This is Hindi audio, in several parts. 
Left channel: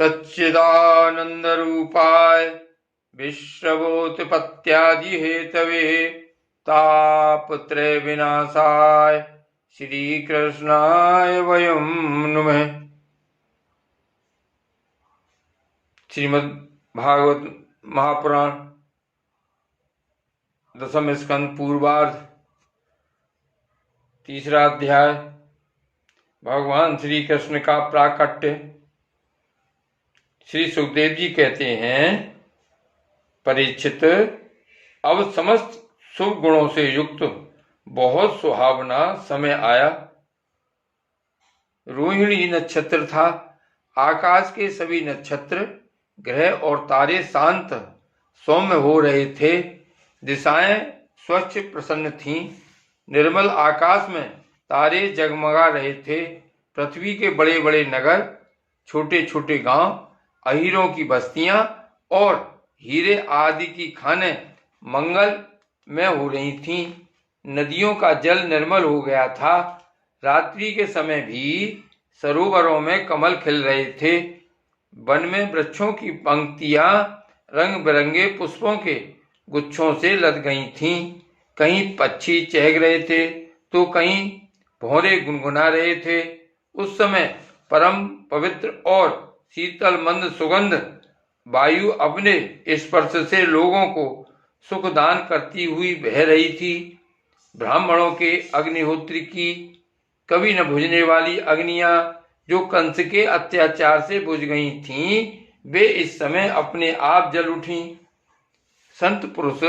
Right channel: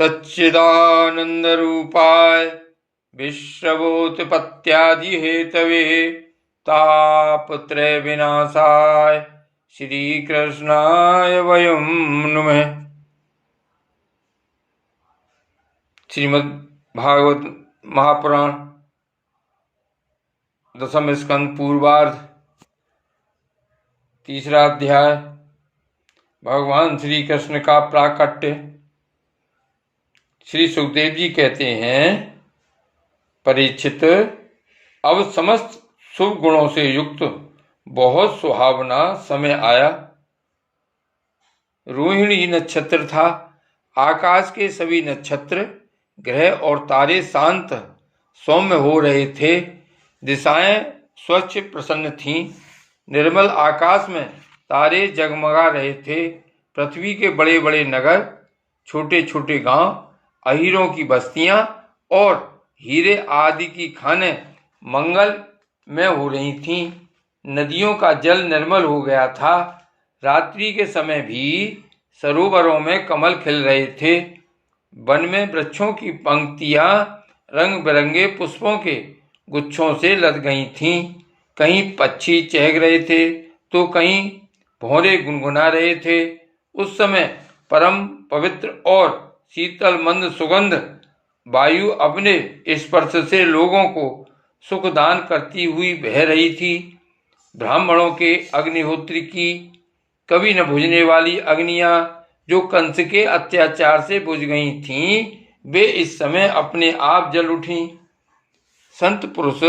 सच्चिदानंद रूपाय विश्वभूतपत्यादि हेतवे तापत्रय विनाशाय श्री कृष्णाय वयं नुमः। श्रीमद् भागवत महापुराण दशम स्कंद पूर्वार्ध तीसरा अध्याय। भगवान श्री कृष्ण का प्राकट्य। श्री सुखदेव जी कहते हैं, परीक्षित, अब समस्त शुभ गुणों से युक्त बहुत सुहावना समय आया। रोहिणी नक्षत्र था। आकाश के सभी नक्षत्र, ग्रह और तारे शांत सौम्य हो रहे थे। दिशाएं स्वच्छ प्रसन्न थीं। निर्मल आकाश में तारे जगमगा रहे थे। पृथ्वी के बड़े बड़े नगर, छोटे छोटे गांव, अहीरों की बस्तियां और हीरे आदि की खानें मंगल में हो रही थीं। नदियों का जल निर्मल हो गया था। रात्रि के समय भी सरोवरों में कमल खिल रहे थे। वन में वृक्षों की पंक्तियां रंग बिरंगे पुष्पों के गुच्छों से लद गई थीं। कहीं पक्षी चहक रहे थे तो कहीं भौरे गुनगुना रहे थे। उस समय परम पवित्र और शीतल मंद सुगंध वायु अपने स्पर्श से लोगों को सुख दान करती हुई बह रही थी। ब्राह्मणों के अग्निहोत्र की कभी न बुझने वाली अग्नियां जो कंस के अत्याचार से बुझ गई थीं, वे इस समय अपने आप जल उठीं। संत पुरुष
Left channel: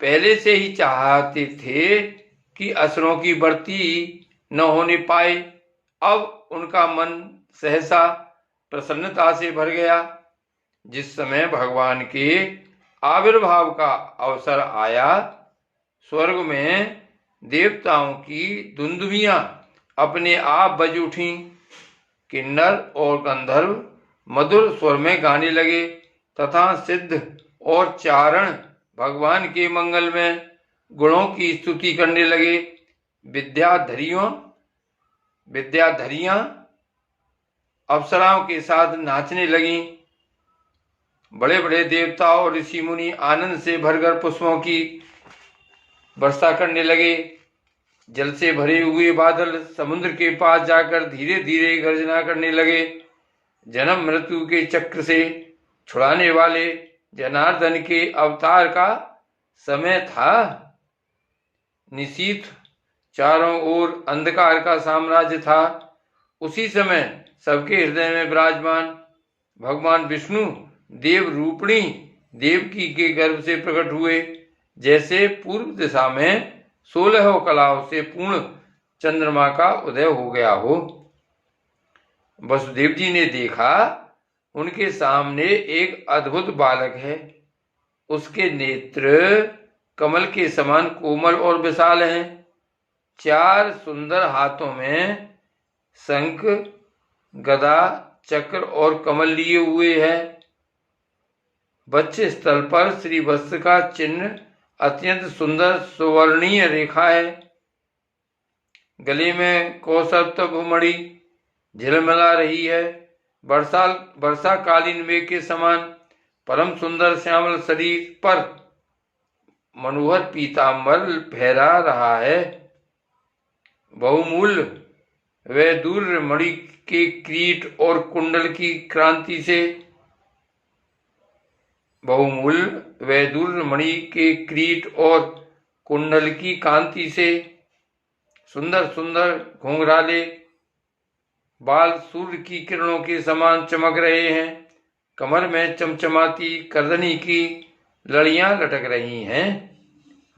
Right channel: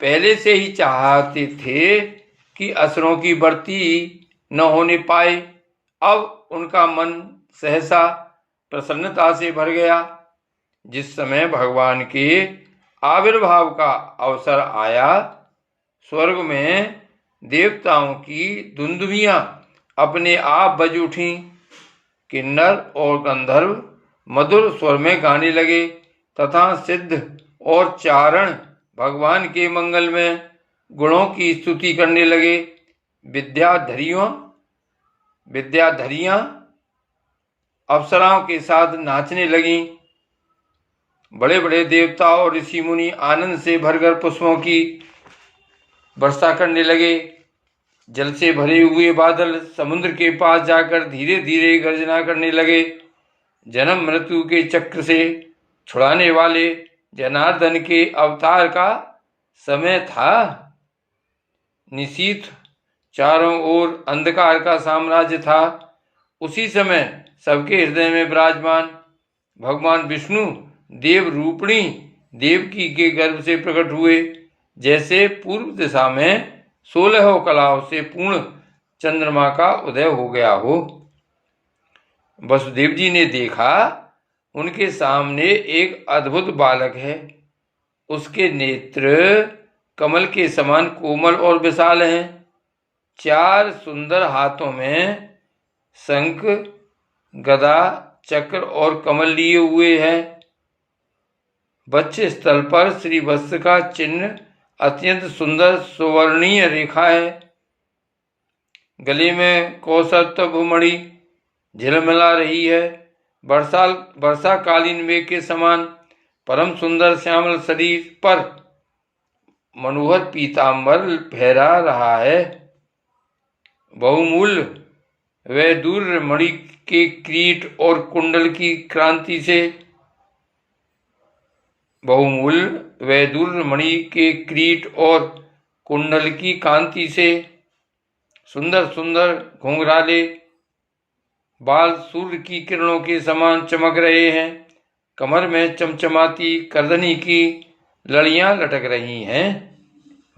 पहले से ही चाहते थे कि असुरों की बढ़ती न होने पाए। अब उनका मन सहसा प्रसन्नता से भर गया। जिस समय भगवान के आविर्भाव का अवसर आया, स्वर्ग में देवताओं की दुंदुभियां अपने आप बज उठीं। किन्नर और गंधर्व मधुर स्वर में गाने लगे तथा सिद्ध और चारण भगवान के मंगल में गुणों की स्तुति करने लगे। विद्याधरियां अप्सराओं के साथ नाचने लगीं। बड़े बड़े देवता और ऋषि मुनि आनंद से भरकर पुष्पों की वर्षा करने लगे। जल से भरे हुए बादल समुद्र के पास जाकर धीरे धीरे गर्जना करने लगे। जन्म मृत्यु के चक्र से छुड़ाने वाले जनार्दन के अवतार का समय था। निशीथ चारों ओर अंधकार का साम्राज्य था। उसी समय सबके हृदय में विराजमान भगवान विष्णु देव रूपिणी देवकी के गर्भ से प्रकट हुए। जैसे पूर्व दिशा में 16 कलाओं से पूर्ण चंद्रमा का उदय हो गया हो। वसुदेव जी ने देखा, उनके सामने एक अद्भुत बालक है। उसके नेत्र कमल के समान कोमल और विशाल हैं। 4 सुंदर हाथों में शंख, गदा, चक्र और कमल लिए हुए है। वक्ष स्थल पर श्री वत्स का चिन्ह अत्यंत सुंदर सुवर्णीय रेखा है। गले में कौस्तुभ मणि झिलमिला रही है। वर्षाकालीन मेघ के समान परम सुंदर श्यामल शरीर पर मनोहर पीतांबर फहरा रहा है। बहुमूल्य वैदूर्य मणि के किरीट और कुंडल की क्रांति से सुंदर सुंदर घुंघराले बाल सूर्य की किरणों के समान चमक रहे हैं। कमर में चमचमाती करदनी की लड़ियां लटक रही हैं।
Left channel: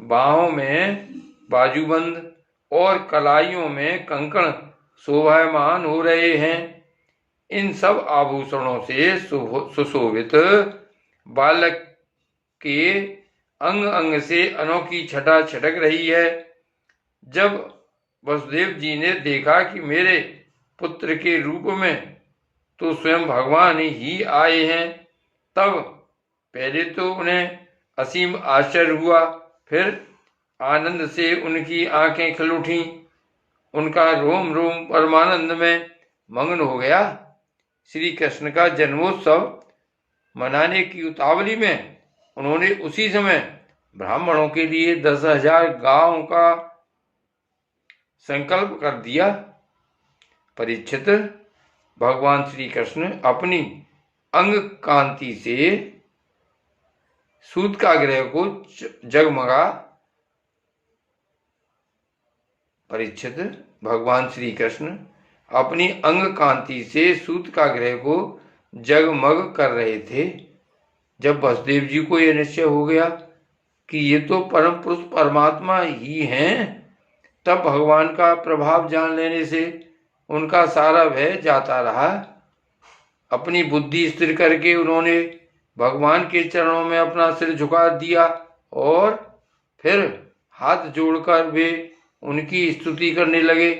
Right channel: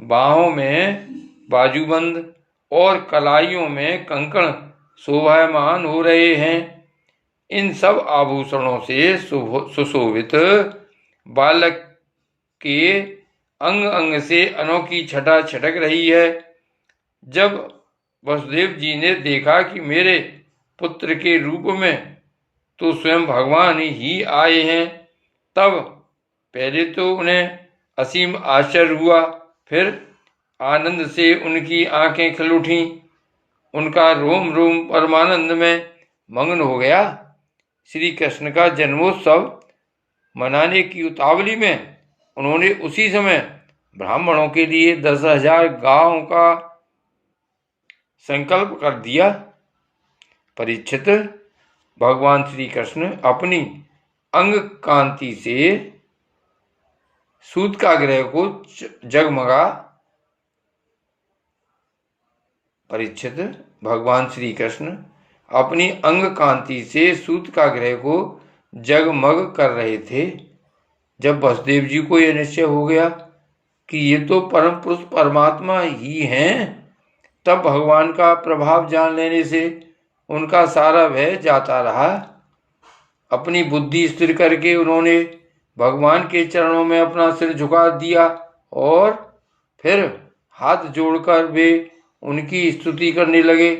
बाहों में बाजूबंद और कलाइयों में कंकण शोभायमान हो रहे हैं। इन सब आभूषणों से सुशोभित बालक के अंग अंग से अनोखी छटा छटक रही है। जब वसुदेव जी ने देखा कि मेरे पुत्र के रूप में तो स्वयं भगवान ही आए हैं, तब पहले तो उन्हें असीम आश्चर्य हुआ, फिर आनंद से उनकी आंखें खिल उठीं। उनका रोम रोम परमानंद में मग्न हो गया। श्री कृष्ण का जन्मोत्सव मनाने की उतावली में उन्होंने उसी समय ब्राह्मणों के लिए 10,000 गायों का संकल्प कर दिया। परीक्षित, भगवान श्री कृष्ण अपनी अंग कांति से सूतकाग्रह को जगमगा परीक्षित भगवान श्री कृष्ण अपनी अंग कांति से सूतकाग्रह को जगमग कर रहे थे। जब वसुदेव जी को यह निश्चय हो गया कि ये तो परम पुरुष परमात्मा ही हैं, तब भगवान का प्रभाव जान लेने से उनका सारा भय जाता रहा। अपनी बुद्धि स्थिर करके उन्होंने भगवान के चरणों में अपना सिर झुका दिया और फिर हाथ जोड़कर वे उनकी स्तुति करने लगे।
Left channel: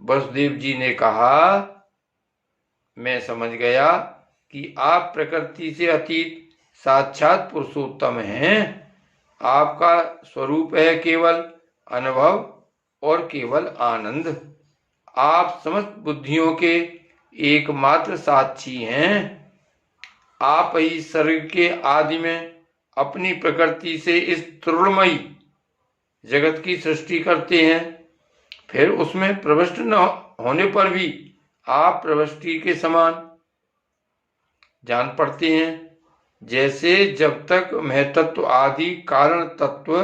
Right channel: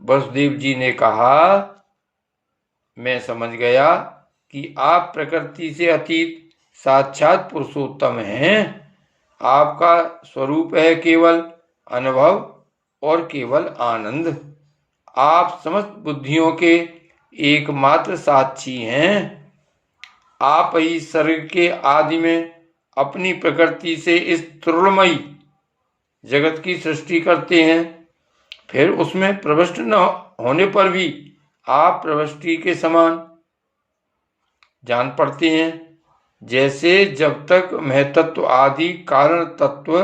वसुदेव जी ने कहा, मैं समझ गया कि आप प्रकृति से अतीत साक्षात पुरुषोत्तम हैं। आपका स्वरूप है केवल अनुभव और केवल आनंद। आप समस्त बुद्धियों के एकमात्र साक्षी हैं। आप ही सर्ग के आदि में अपनी प्रकृति से इस त्रुलमयी जगत की सृष्टि करते हैं, फिर उसमें प्रविष्ट न होने पर भी आप प्रविष्टि के समान जान पड़ते हैं। जैसे जब तक महतत्व आदि कारण तत्व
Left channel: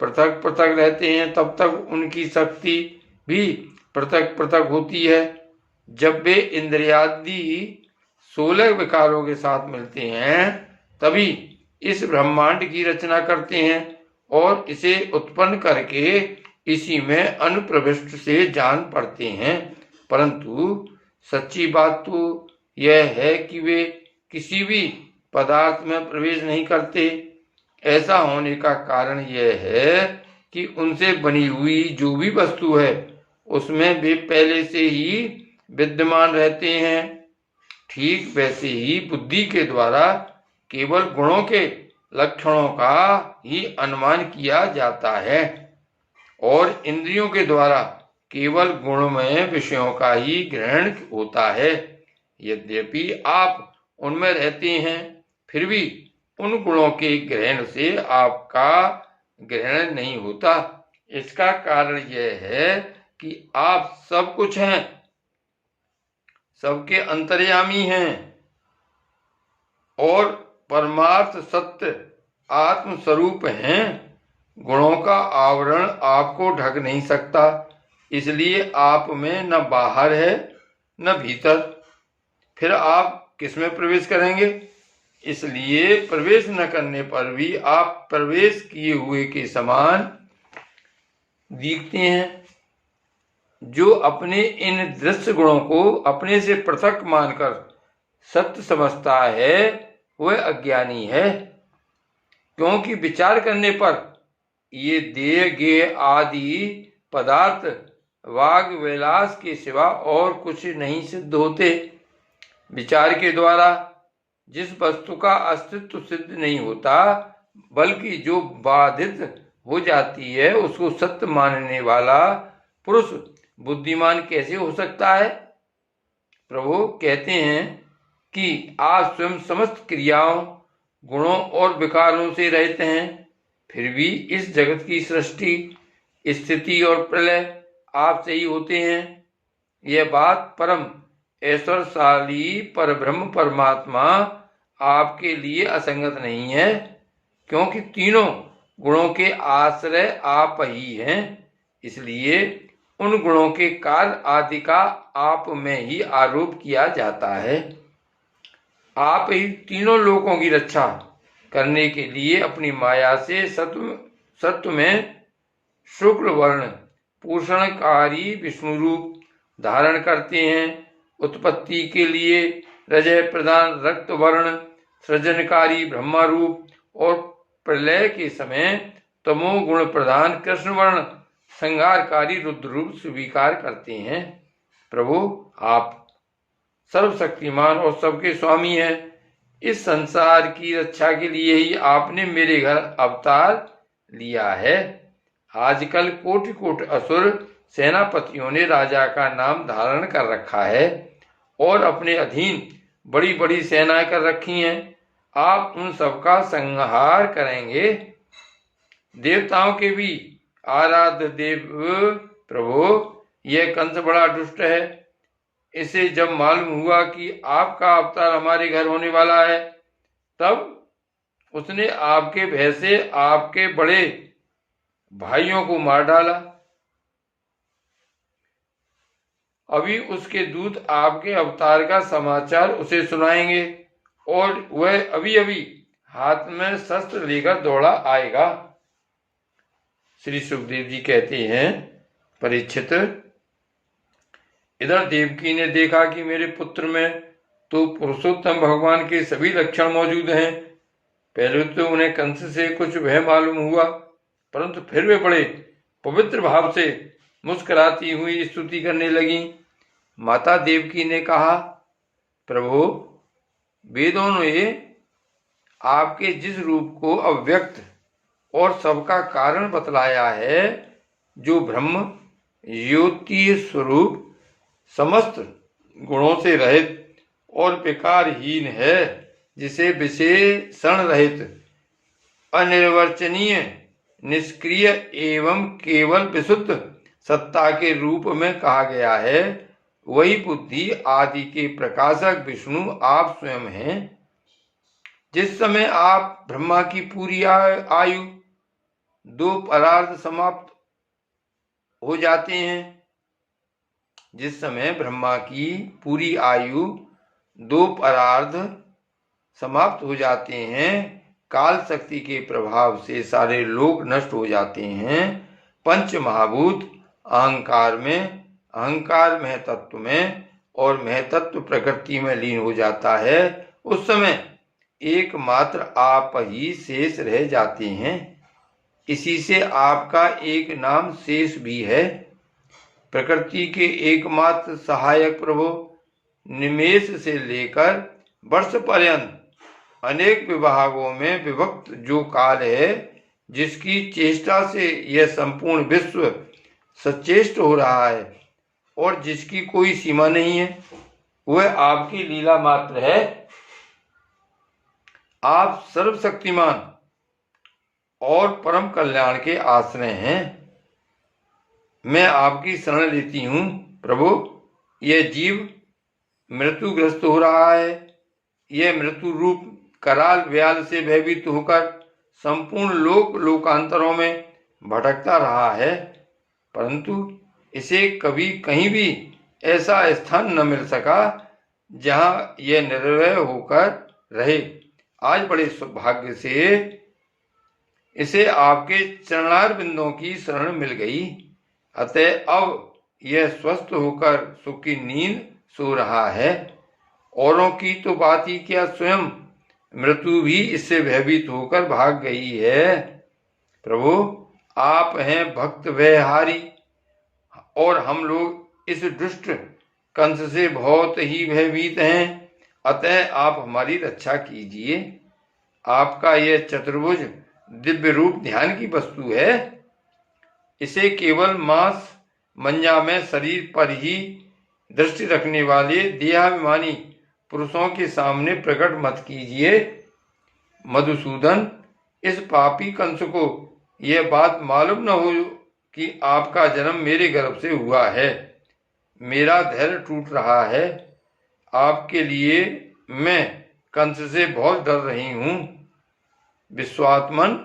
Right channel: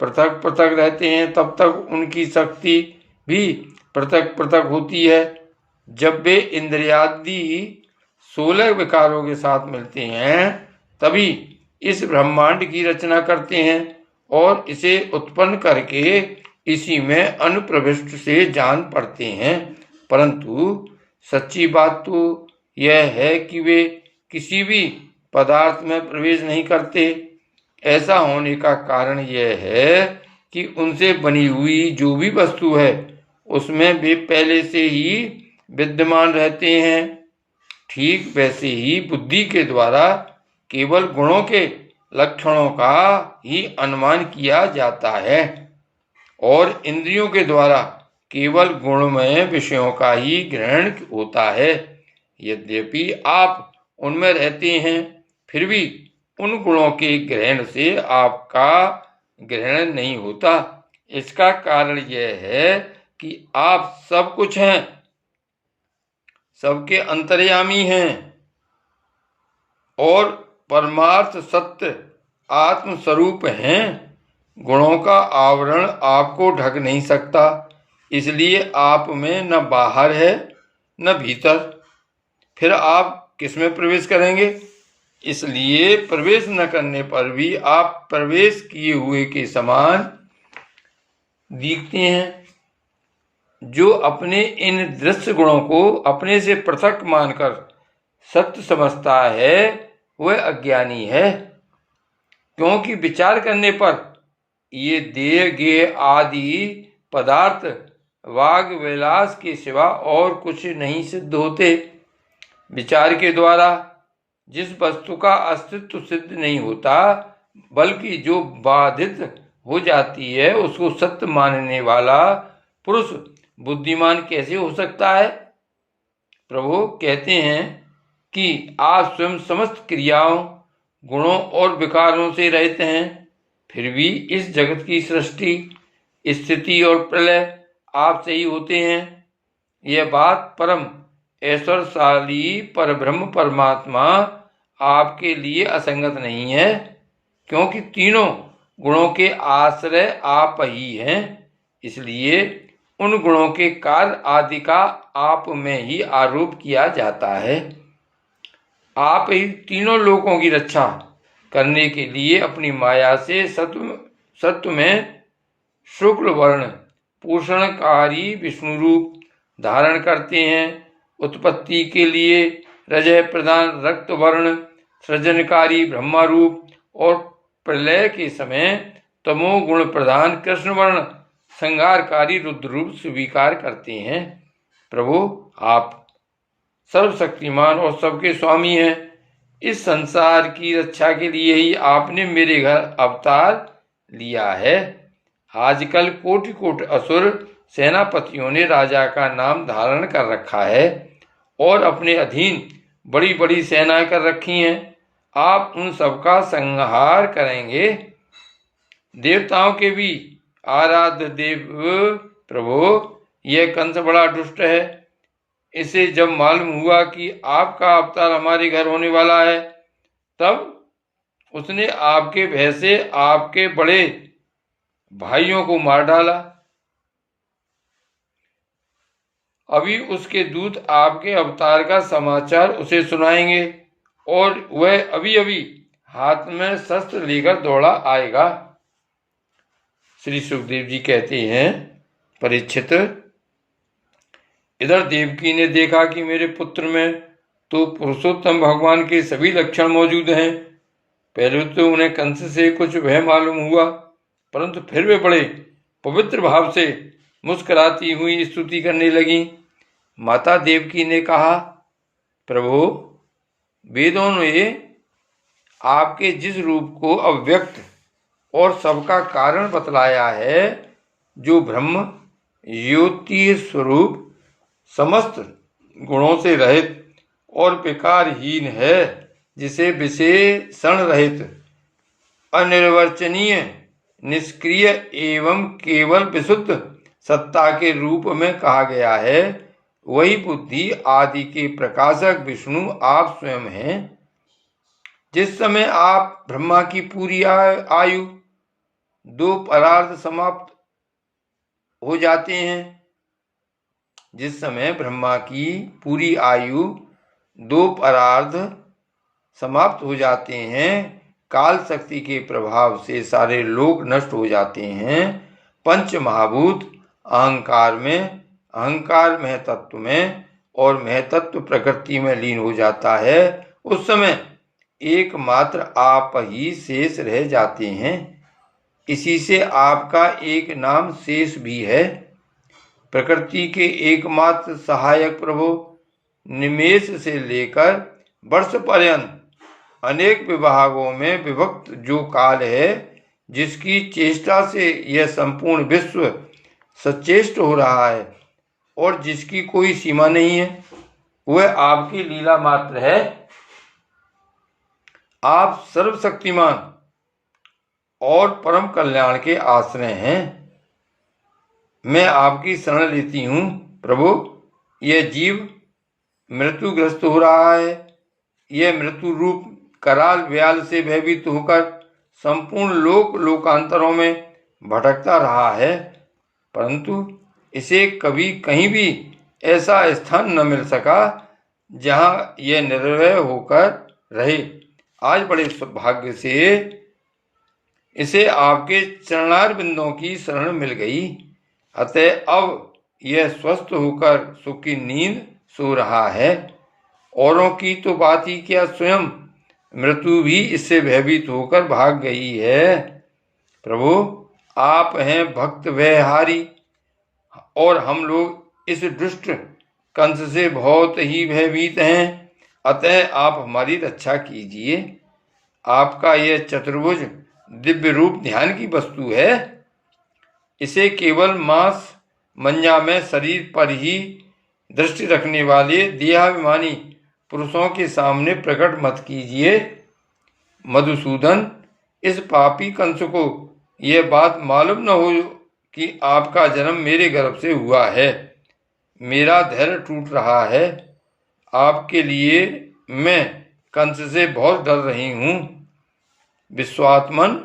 पृथक पृथक रहते हैं, तब तक उनकी शक्ति भी पृथक पृथक होती है। जब वे इंद्रियादि 16 विकारों के साथ मिलते हैं, तभी इस ब्रह्मांड की रचना करते हैं और इसे उत्पन्न करके इसी में अनुप्रविष्ट से जान पड़ते हैं। परंतु सच्ची बात तो यह है कि वे किसी भी पदार्थ में प्रवेश नहीं करते। ऐसा होने का कारण यह है कि उनसे बनी हुई जो भी वस्तु है उसमें वे पहले से ही विद्यमान रहते हैं। ठीक वैसे ही बुद्धि के द्वारा केवल गुणों के लक्षणों का ही अनुमान किया जाता है और इंद्रियों के द्वारा केवल गुणमय विषयों का ही ग्रहण होता है। यद्यपि आप उनमें रहते हैं, फिर भी उन गुणों के ग्रहण से आपका ग्रहण नहीं होता। इसका कारण यह है कि आप सब कुछ हैं, सबके अंतर्यामी हैं और परमार्थ सत्य आत्म स्वरूप हैं। गुणों का आवरण आपको ढक नहीं सकता, इसलिए आप में न बाहर है न भीतर। फिर आप किसमें प्रवेश करेंगे? इसलिए प्रवेश न करने पर भी आप प्रवेश किए हुए के समान दिखते हैं। जो अपने इन दृश्य गुणों को अपने से पृथक मानकर सत्य समझता है वह अज्ञानी है, क्योंकि विचार करने पर ये देह गेह आदि पदार्थ वाग विलास के सिवा और कुछ नहीं सिद्ध होते। विचार के द्वारा जिस वस्तु का अस्तित्व सिद्ध नहीं होता, बल्कि जो बाधित हो जाती है, उसको सत्य मानने वाला पुरुष बुद्धिमान कैसे हो सकता है? प्रभु कहते हैं कि आप स्वयं समस्त क्रियाओं, गुणों और विकारों से रहित हैं, फिर भी इस जगत की सृष्टि, स्थिति और प्रलय आपसे ही होते हैं। यह बात परम ऐश्वर्यशाली परब्रह्म परमात्मा आपके लिए असंगत नहीं है, क्योंकि तीनों गुणों के आश्रय आप ही हैं। इसलिए उन गुणों के कार्य आदि का आप में ही आरोप किया जाता है। आप ही तीनों लोकों की रक्षा करने के लिए अपनी माया से सत्व में शुक्ल वर्ण पोषणकारी विष्णु रूप धारण करते हैं। उत्पत्ति के लिए रजह प्रधान रक्त वर्ण सृजनकारी ब्रह्मा रूप और प्रलय के समय तमो गुण प्रधान कृष्ण वर्ण संहारकारी रुद्र रूप स्वीकार करते हैं। प्रभु, आप सर्वशक्तिमान और सबके स्वामी हैं। इस संसार की रक्षा के लिए ही आपने मेरे घर अवतार लिया है। आजकल कोटि कोटि असुर सेनापतियों ने राजा का नाम धारण कर रखा है और अपने अधीन बड़ी बड़ी सेनाएं कर रखी हैं। आप उन सबका संहार करेंगे। देवताओं के भी आराध्य देव प्रभु, यह कंस बड़ा दुष्ट है। इसे जब मालूम हुआ कि आपका अवतार हमारे घर होने वाला है, तब उसने आपके भय से आपके बड़े भाइयों को मार डाला। अभी उसके दूत आपके अवतार का समाचार उसे सुनाएंगे और वह अभी अभी हाथ में शस्त्र लेकर दौड़ा आएगा। श्री सुखदेव जी कहते हैं, परीक्षित, इधर देवकी ने देखा कि मेरे पुत्र में तो पुरुषोत्तम भगवान के सभी लक्षण मौजूद हैं। पहले तो उन्हें कंस से कुछ भय मालूम हुआ, परंतु फिर वे बड़े पवित्र भाव से मुस्कुराती हुई स्तुति करने लगी। माता देवकी ने कहा, प्रभु, वेदों ने आपके जिस रूप को अव्यक्त और सबका कारण बतलाया है, जो ब्रह्म ज्योति स्वरूप, समस्त गुणों से रहित और विकारहीन है, जिसे विशेषण रहित, अनिर्वचनीय, निष्क्रिय एवं केवल विशुद्ध सत्ता के रूप में कहा गया है, वही बुद्धि आदि के प्रकाशक विष्णु आप स्वयं हैं। जिस समय आप ब्रह्मा की पूरी आयु 2 परार्ध समाप्त हो जाते हैं, जिस समय ब्रह्मा की पूरी आयु 2 परार्ध समाप्त हो जाते हैं, काल शक्ति के प्रभाव से सारे लोक नष्ट हो जाते हैं, पंच महाभूत अहंकार में, अहंकार महतत्व में और महतत्व प्रकृति में लीन हो जाता है, उस समय एकमात्र आप ही शेष रह जाते हैं। इसी से आपका एक नाम शेष भी है। प्रकृति के एकमात्र सहायक प्रभु, निमेष से लेकर वर्ष पर्यंत अनेक विभागों में विभक्त जो काल है, जिसकी चेष्टा से यह संपूर्ण विश्व सचेष्ट हो रहा है और जिसकी कोई सीमा नहीं है, वह आपकी लीला मात्र है। आप सर्वशक्तिमान और परम कल्याण के आश्रय हैं। मैं आपकी शरण लेती हूँ प्रभु। यह जीव मृत्युग्रस्त हो रहा है। यह मृत्यु रूप कराल व्याल से भयभीत होकर संपूर्ण लोकांतरों में भटकता रहा है, परंतु इसे कभी कहीं भी ऐसा स्थान न मिल सका जहां यह निर्भय होकर रहे। आज बड़े सौभाग्य से इसे आपके चरणार बिंदों की शरण मिल गई, अतः अब यह स्वस्थ होकर सुख की नींद सो रहा है। औरों की तो बात ही क्या, स्वयं मृत्यु भी इससे भयभीत होकर भाग गई है। प्रभु, आप हैं भक्त व्यहारी और हम लोग इस दुष्ट कंस से बहुत ही भयभीत हैं, अतः आप हमारी रक्षा कीजिए। आपका यह चतुर्भुज दिव्य रूप ध्यान की वस्तु है। इसे केवल मांस मंजा में शरीर पर ही दृष्टि रखने वाले देहाभिमानी पुरुषों के सामने प्रकट मत कीजिए। मधुसूदन, इस पापी कंस को यह बात मालूम न हो कि आपका जन्म मेरे गर्भ से हुआ है। मेरा धैर्य टूट रहा है। आपके लिए मैं कंस से बहुत डर रही हूँ। विश्वात्मन,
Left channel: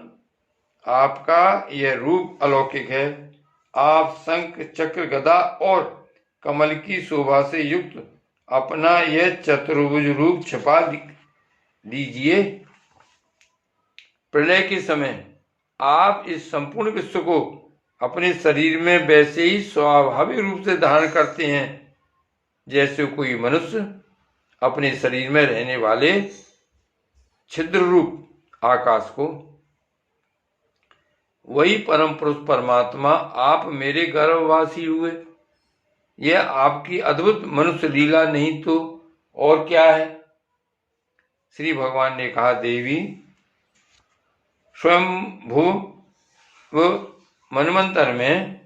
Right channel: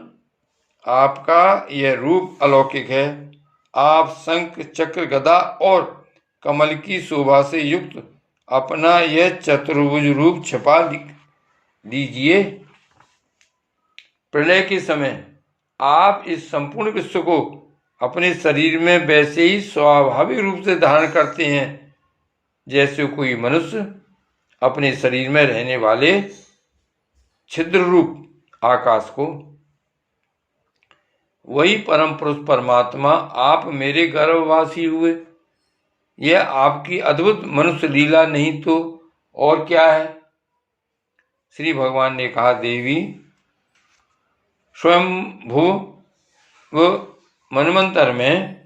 आपका यह रूप अलौकिक है। आप शंख चक्र गदा और कमल की शोभा से युक्त अपना यह चतुर्भुज रूप छिपा लीजिए। प्रलय के समय आप इस संपूर्ण विश्व को अपने शरीर में वैसे ही स्वाभाविक रूप से धारण करते हैं जैसे कोई मनुष्य अपने शरीर में रहने वाले छिद्र रूप आकाश को। वही परम पुरुष परमात्मा आप मेरे गर्भवासी हुए। यह आपकी अद्भुत मनुष्य लीला नहीं तो और क्या है। श्री भगवान ने कहा, देवी, स्वयं भू मनवंतर में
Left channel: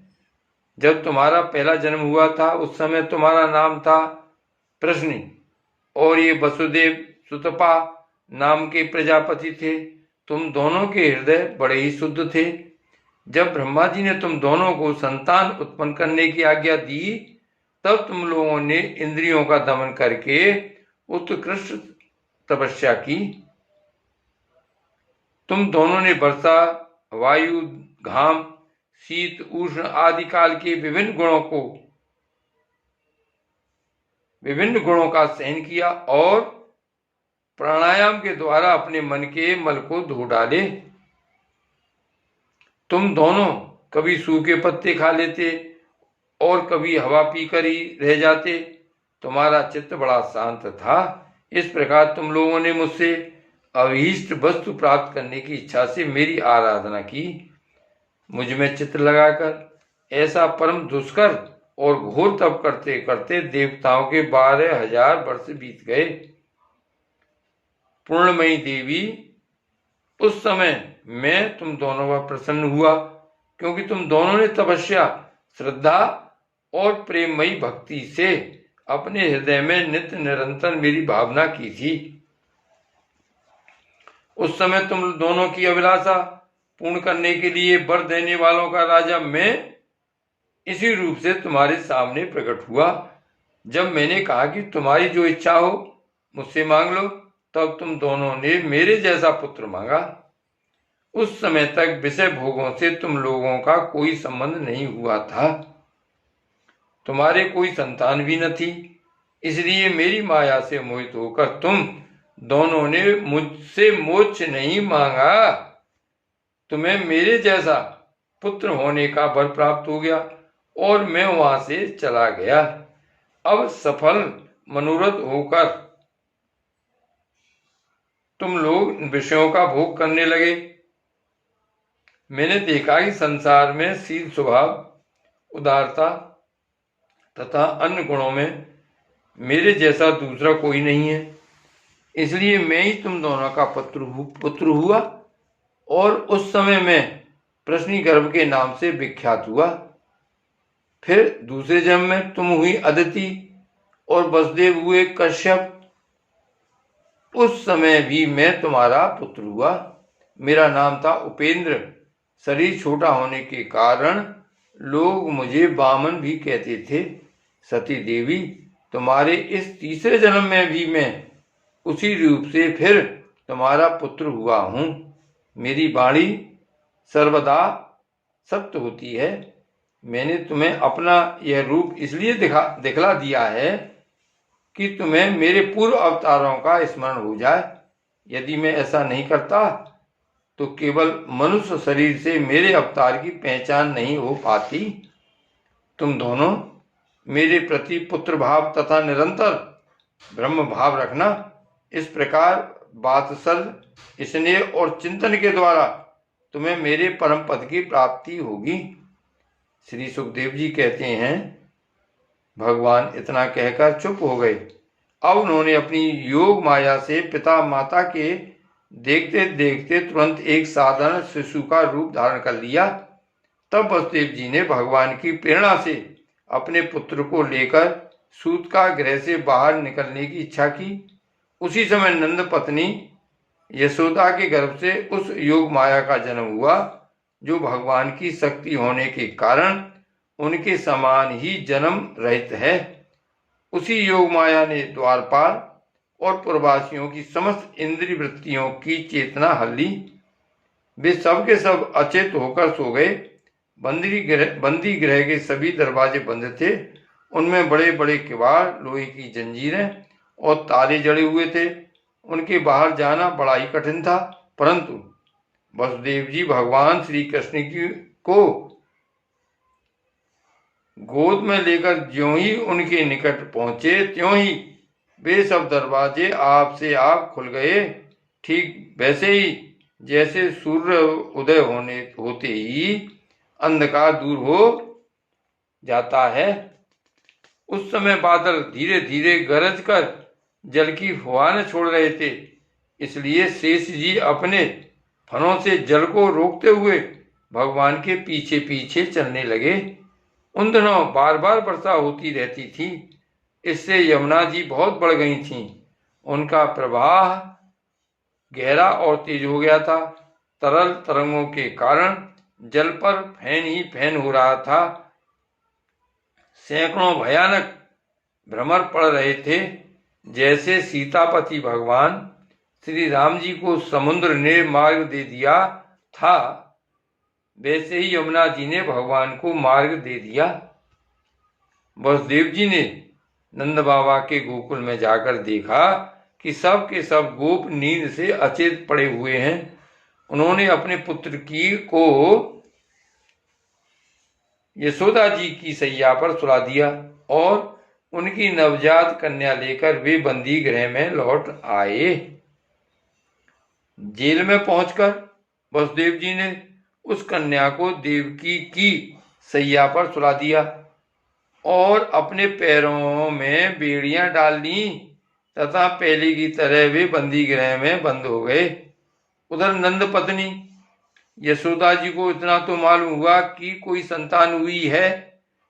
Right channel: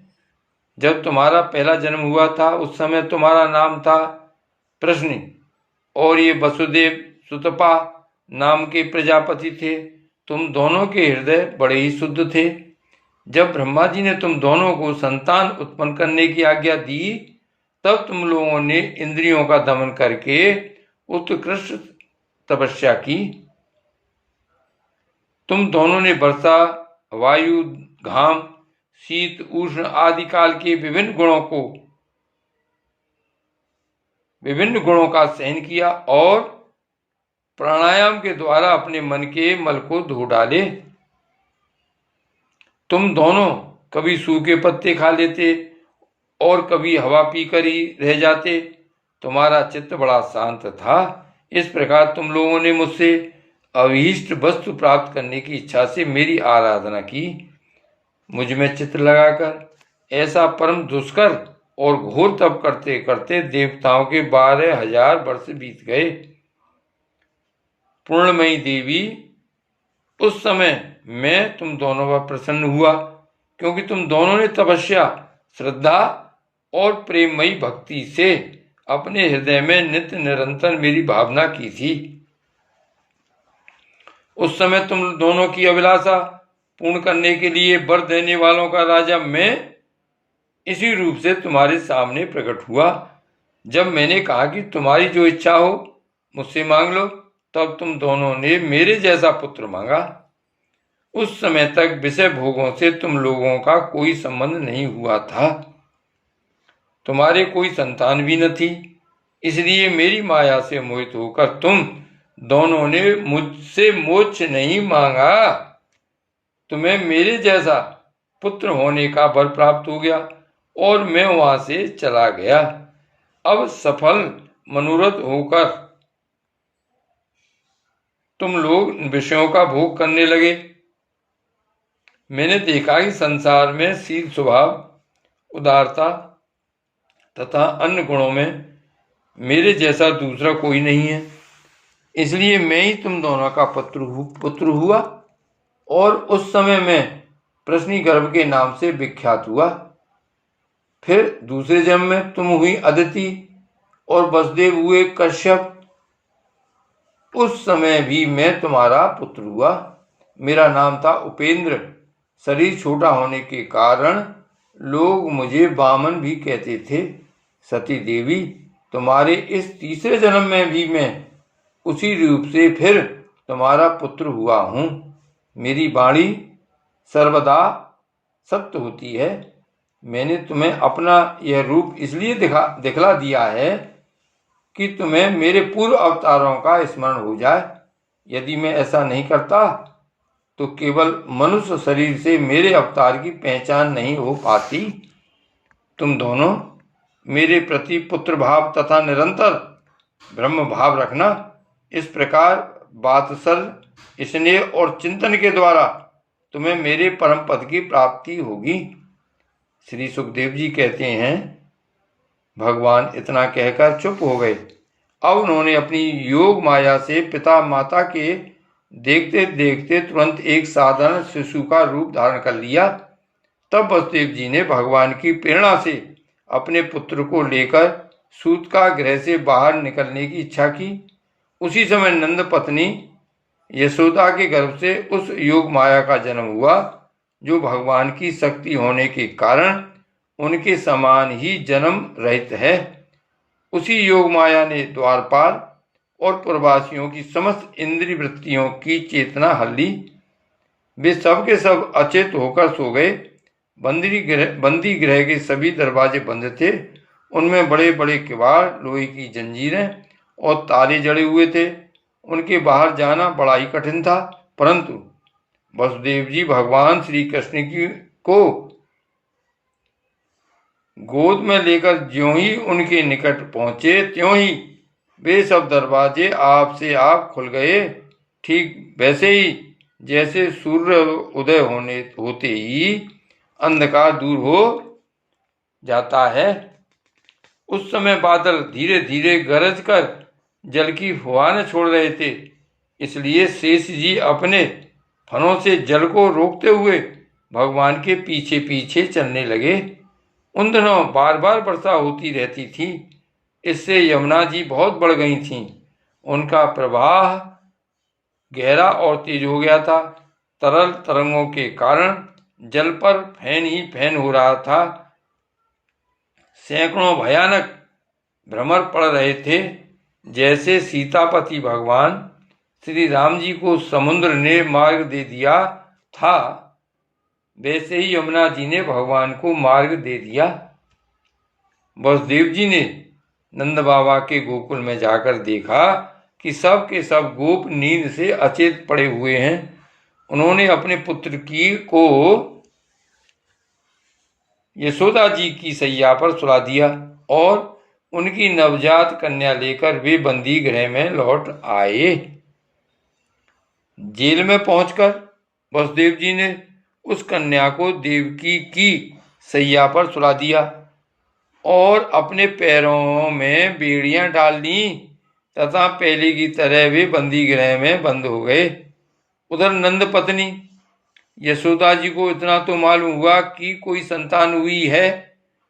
जब तुम्हारा पहला जन्म हुआ था, उस समय तुम्हारा नाम था प्रश्न, और ये वसुदेव सुतपा नाम के प्रजापति थे। तुम दोनों के हृदय बड़े ही शुद्ध थे। जब ब्रह्मा जी ने तुम दोनों को संतान उत्पन्न करने की आज्ञा दी, तब तुम लोगों ने इंद्रियों का दमन करके उत्कृष्ट तपस्या की। तुम दोनों ने वर्षा, वायु, घाम, शीत, उष्ण आदि काल के विभिन्न गुणों का सहन किया और प्राणायाम के द्वारा अपने मन के मल को धो डाले। तुम दोनों कभी सूखे पत्ते खा लेते और कभी हवा पीकर ही रह जाते। तुम्हारा चित्त बड़ा शांत था। इस प्रकार तुम लोगों ने मुझसे अभीष्ट वस्तु प्राप्त करने की इच्छा से मेरी आराधना की। मुझ में चित्त लगाकर ऐसा परम दुष्कर और घोर तप करते करते देवताओं के 12,000 वर्ष बीत गए। पूर्णमयी देवी, उस समय मैं तुम दोनों पर प्रसन्न हुआ, क्योंकि तुम दोनों ने तपस्या, श्रद्धा और प्रेममयी भक्ति से अपने हृदय में नित्य निरंतर मेरी भावना की थी। उस समय तुम दोनों की अभिलाषा पूर्ण करने के लिए वर देने वालों का राजा मैं इसी रूप से तुम्हारे सामने प्रकट हुआ। जब मैंने कहा कि तुम्हारी जो इच्छा हो मुझसे मांग लो, तब तुम दोनों ने मेरे जैसा पुत्र मांगा। उस समय तक विषय भोगों से तुम लोगों का कोई संबंध नहीं हुआ था। तुम्हारे कोई संतान भी न थी, इसलिए मेरी माया से मोहित होकर तुम दोनों ने मुझसे मोक्ष नहीं मांगा। तुम्हें मेरे जैसा पुत्र होने का वर प्राप्त हो गया और मैं वहां से चला गया। अब सफल मनोरथ होकर तुम लोग विषयों का भोग करने लगे। मैंने देखा कि संसार में शील स्वभाव, उदारता तथा अन्य गुणों में मेरे जैसा दूसरा कोई नहीं है। इसलिए मैं ही तुम दोनों का पुत्र हुआ और उस समय मैं प्रश्निगर्भ के नाम से विख्यात हुआ। फिर दूसरे जन्म में तुम हुई अदिति और वसुदेव हुए कश्यप। उस समय भी मैं तुम्हारा पुत्र हुआ। मेरा नाम था उपेंद्र। शरीर छोटा होने के कारण लोग मुझे वामन भी कहते थे। सती देवी, तुम्हारे इस तीसरे जन्म में भी मैं उसी रूप से फिर तुम्हारा पुत्र हुआ हूँ। मेरी वाणी सर्वदा सत्य होती है। मैंने तुम्हें अपना यह रूप इसलिए दिखला दिया है कि तुम्हें मेरे पूर्व अवतारों का स्मरण हो जाए। यदि मैं ऐसा नहीं करता तो केवल मनुष्य शरीर से मेरे अवतार की पहचान नहीं हो पाती। तुम दोनों मेरे प्रति पुत्र भाव तथा निरंतर ब्रह्म भाव रखना। इस प्रकार वात्सल्य, स्नेह और चिंतन के द्वारा तुम्हें मेरे परम पद की प्राप्ति होगी। श्री सुखदेव जी कहते हैं, भगवान इतना कहकर चुप हो गए। अब उन्होंने अपनी योग माया से पिता माता के देखते देखते तुरंत एक साधारण शिशु का रूप धारण कर लिया। तब वसुदेव जी ने भगवान की प्रेरणा से अपने पुत्र को लेकर सूत का गृह से बाहर निकलने की इच्छा की। उसी समय नंद पत्नी यशोदा के गर्भ से उस योग माया का जन्म हुआ, जो भगवान की शक्ति होने के कारण उनके समान ही जन्म रहित है। उसी योग माया ने द्वारपाल और पुरवासियों की समस्त इंद्रिय वृत्तियों की चेतना हल ली। वे सब के सब अचेत होकर सो गए। बंदी गृह के सभी दरवाजे बंद थे। उनमें बड़े बड़े किवाड़, लोहे की जंजीरें और ताले जड़े हुए थे। उनके बाहर जाना बड़ा ही कठिन था। परंतु वसुदेव जी भगवान श्री कृष्ण को गोद में लेकर ज्यों ही उनके निकट पहुंचे, त्यों ही वे सब दरवाजे आप से आप खुल गए। ठीक वैसे ही जैसे सूर्य उदय होते ही अंधकार दूर हो जाता है। उस समय बादल धीरे धीरे गरज कर जल की फुहारें छोड़ रहे थे। इसलिए शेष जी अपने फनों से जल को रोकते हुए भगवान के पीछे पीछे चलने लगे। उन दिनों बार बार वर्षा होती रहती थी। इससे यमुना जी बहुत बढ़ गई थीं। उनका प्रवाह गहरा और तेज हो गया था। तरल तरंगों के कारण जल पर फैन ही फैन हो रहा था। सैकड़ों भयानक भ्रमर पड़ रहे थे। जैसे सीतापति भगवान श्री राम जी को समुद्र ने मार्ग दे दिया था, वैसे ही यमुना जी ने भगवान को मार्ग दे दिया। वसुदेव जी ने नंद बाबा के गोकुल में जाकर देखा कि सब के सब गोप नींद से अचेत पड़े हुए हैं। उन्होंने अपने पुत्र को यशोदा जी की सैया पर सुला दिया और उनकी नवजात कन्या लेकर वे बंदी गृह में लौट आए। जेल में पहुंचकर वसुदेव जी ने उस कन्या को देवकी की सैया पर सुला दिया और अपने पैरों में बेड़ियां डाल दी तथा पहले की तरह वे बंदी गृह में बंद हो गए। उधर नंद पत्नी यशोदा जी को इतना तो मालूम हुआ कि कोई संतान हुई है,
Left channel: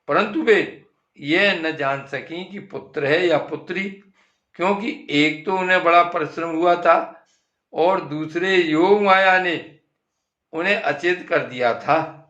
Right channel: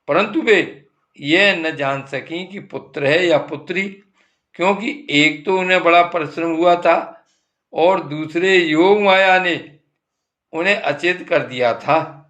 परंतु वे यह न जान सकी कि पुत्र है या पुत्री, क्योंकि एक तो उन्हें बड़ा परिश्रम हुआ था और दूसरे योग माया ने उन्हें अचेत कर दिया था।